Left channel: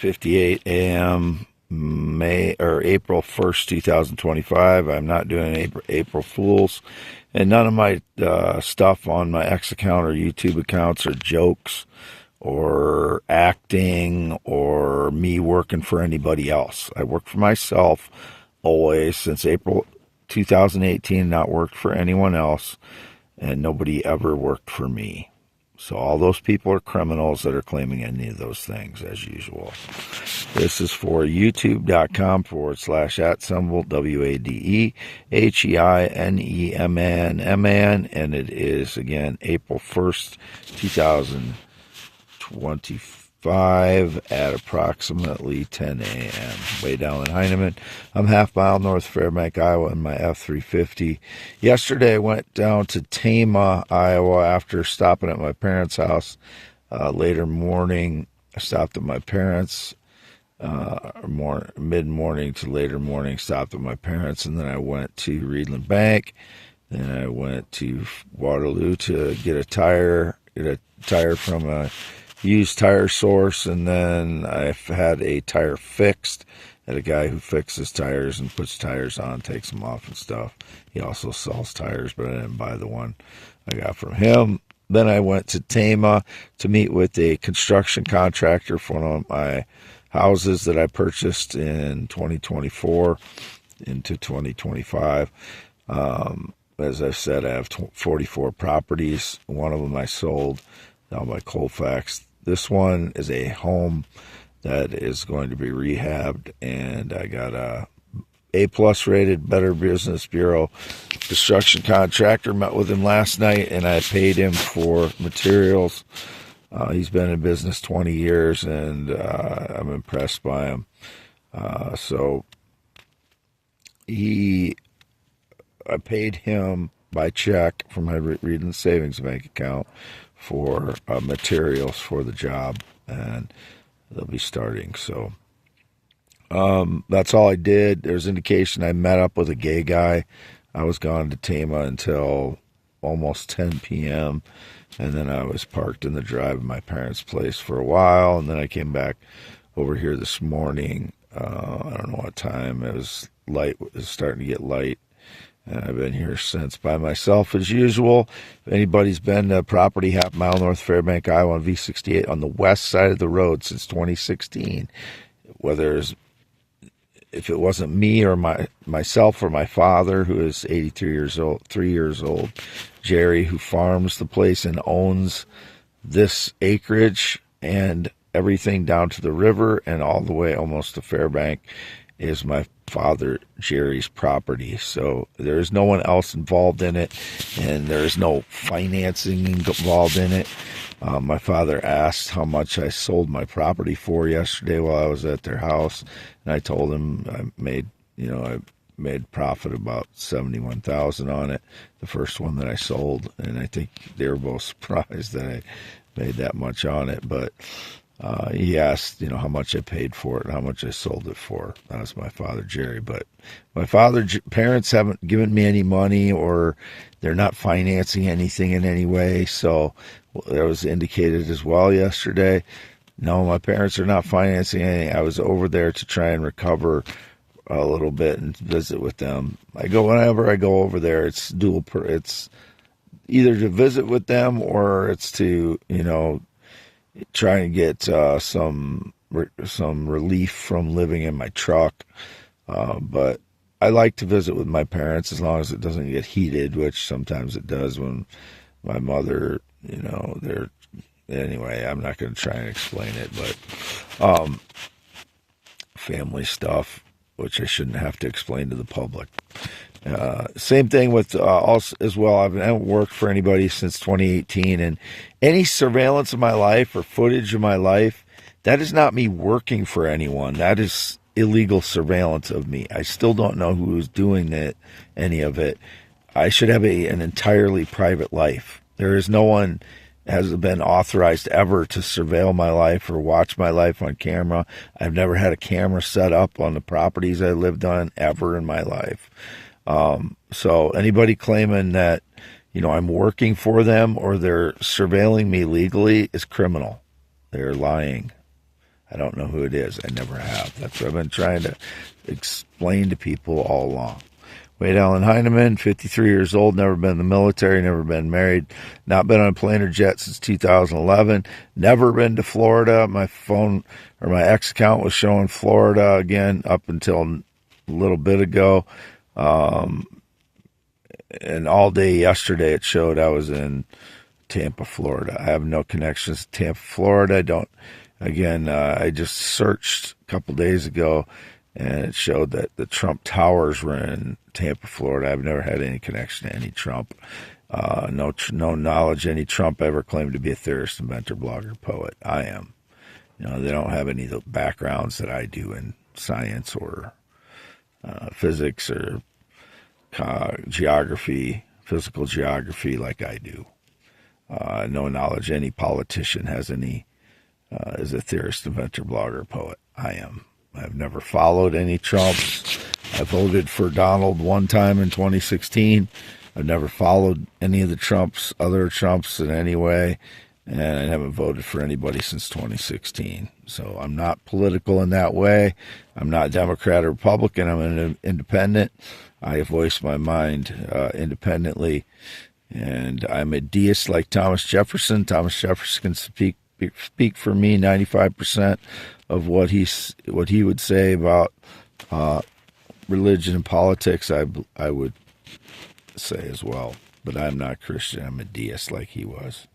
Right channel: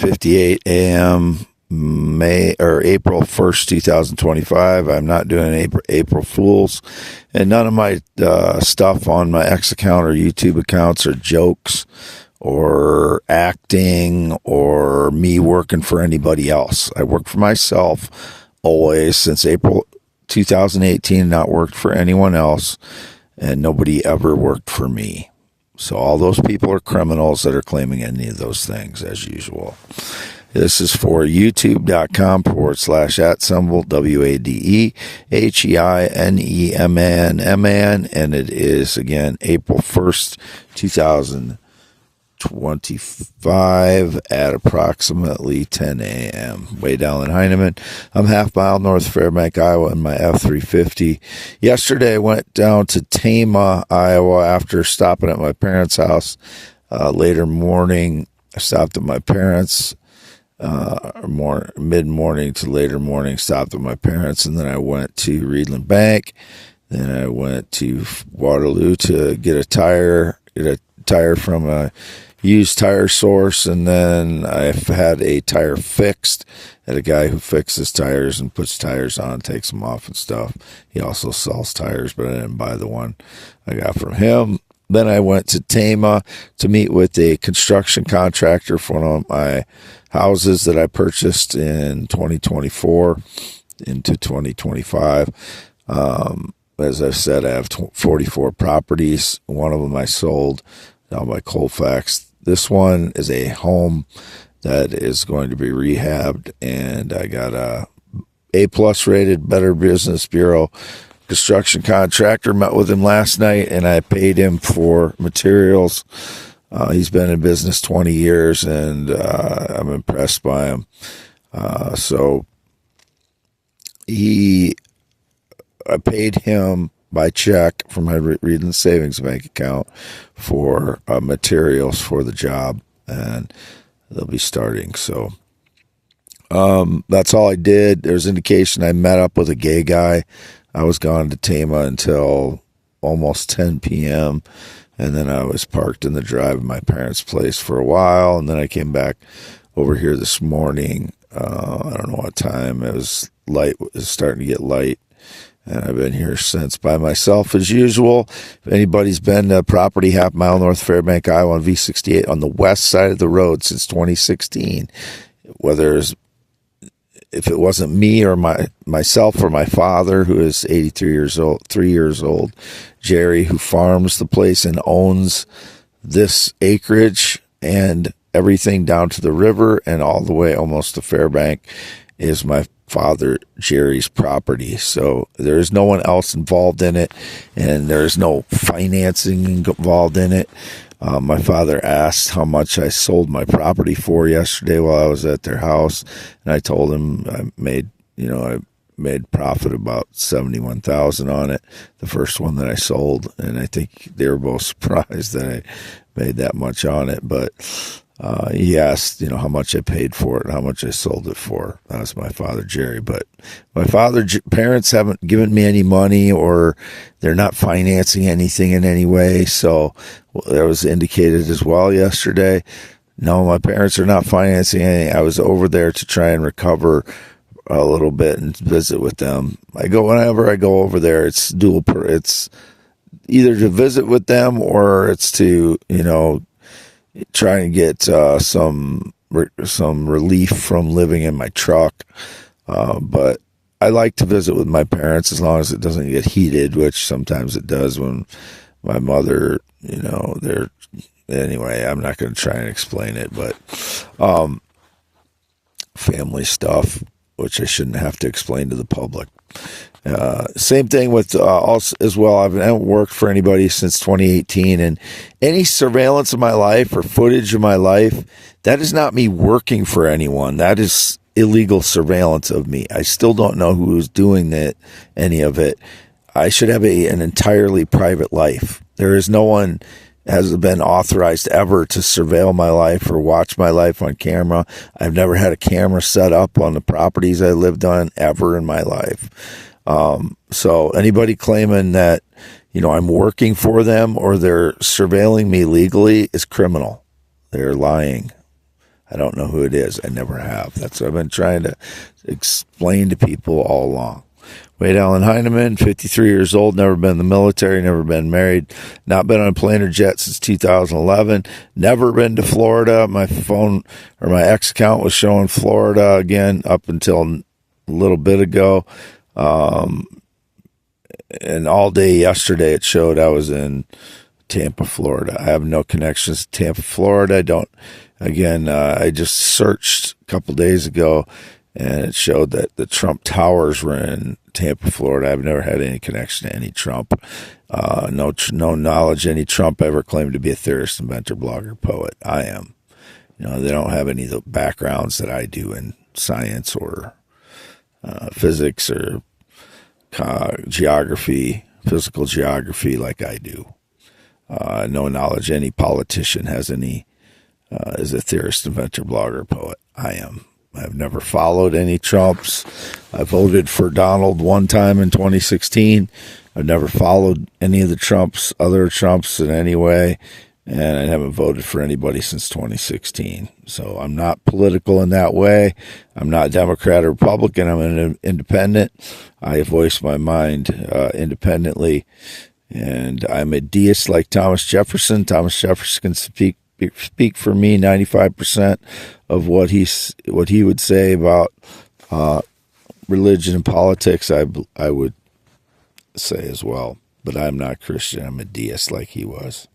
8:58 a.m. April 1st, 2025. I'm not doing April Fools, and none of my stuff on my X account or YouTube accounts are jokes or acting or me working for anybody else. I work for myself always since April 2018, not worked for anyone else, and nobody ever worked for me. So all those people are criminals that are claiming any of those things, as usual. This is for youtube.com/@symbol, WADEHEINEMAN, and it is, again, April 1st, 2025 at approximately 10 a.m. Way down in Heinemann. I'm half mile north of Fairbank, Iowa, in my F-350. Yesterday, I went down to Tama, Iowa, after stopping at my parents' house. Later morning, I stopped at my parents', mid-morning to later morning, stopped at my parents', and then I went to Reedland Bank. Then I went to Waterloo to get a tire from a used tire source, and then I've had a tire fixed at a guy who fixes tires and puts tires on, takes them off and stuff. He also sells tires, but I didn't buy the one I got from him. Then I went to Tama to meet with a construction contractor for one of my houses that I purchased in 2024 into 2025. As I've said, I have 44 properties. One of them I sold down by Colfax. This one is a home that is going to be rehabbed, and I got a A+ rated Better Business Bureau construction contractor. Met with him last night, and I paid him for materials. He's been in business 20 years, and I'm impressed by him. I paid him by check from my Reedland Savings Bank account for materials for the job, and they'll be starting. So that's all I did. There's indication I met up with a gay guy. I was gone to Tama until almost 10 p.m., and then I was parked in the drive of my parents' place for a while, and then I came back over here this morning. I don't know what time. It was light. It was starting to get light. And I've been here since by myself as usual. If anybody's been to property half mile north Fairbank, Iowa on V68 on the west side of the road since 2016, if it wasn't me or myself or my father, who is 83 years old, 3 years old, Jerry, who farms the place and owns this acreage and everything down to the river and all the way almost to Fairbank, is my father Jerry's property. So there is no one else involved in it, and there's no financing involved in it. My father asked how much I sold my property for yesterday while I was at their house, and I told him I made profit about $71,000 on it, the first one that I sold, and I think they were both surprised that I made that much on it. But he asked, how much I paid for it and how much I sold it for. That was my father, Jerry. But my parents haven't given me any money, or they're not financing anything in any way. So that was indicated as well yesterday. No, my parents are not financing anything. I was over there to try and recover a little bit and visit with them. Whenever I go over there, it's it's either to visit with them or it's to, try and get some relief from living in my truck. But I like to visit with my parents as long as it doesn't get heated, which sometimes it does when my mother, anyway, I'm not going to try and explain it, but family stuff, which I shouldn't have to explain to the public. Same thing with us as well. I haven't worked for anybody since 2018, and any surveillance of my life or footage of my life, that is not me working for anyone. That is illegal surveillance of me. I still don't know who is doing any of it. I should have an entirely private life. There is no one has been authorized ever to surveil my life or watch my life on camera. I've never had a camera set up on the properties I lived on ever in my life. So anybody claiming that, I'm working for them or they're surveilling me legally is criminal. They're lying. I don't know who it is. I never have. That's what I've been trying to explain to people all along. Wade Allen Heineman, 53 years old, never been in the military, never been married, not been on a plane or jet since 2011, never been to Florida. My phone or my X account was showing Florida again up until a little bit ago. And all day yesterday it showed I was in Tampa, Florida. I have no connections to Tampa, Florida. I just searched a couple days ago, and it showed that the Trump Towers were in Tampa, Florida. I've never had any connection to any Trump. No knowledge any Trump ever claimed to be a theorist, inventor, blogger, poet. I am. They don't have any of the backgrounds that I do in science or physics or geography, physical geography like I do. No knowledge any politician has any is a theorist, inventor, blogger, poet. I am. I've never followed any Trumps. I voted for Donald one time in 2016. I've never followed any of the other Trumps in any way, and I haven't voted for anybody since 2016. So I'm not political in that way. I'm not Democrat or Republican. I'm an independent. I voice my mind independently, and I'm a deist like Thomas Jefferson. Thomas Jefferson can speak for me 95% of what he would say about religion and politics. I would say as well, but I'm not Christian. I'm a deist like he was.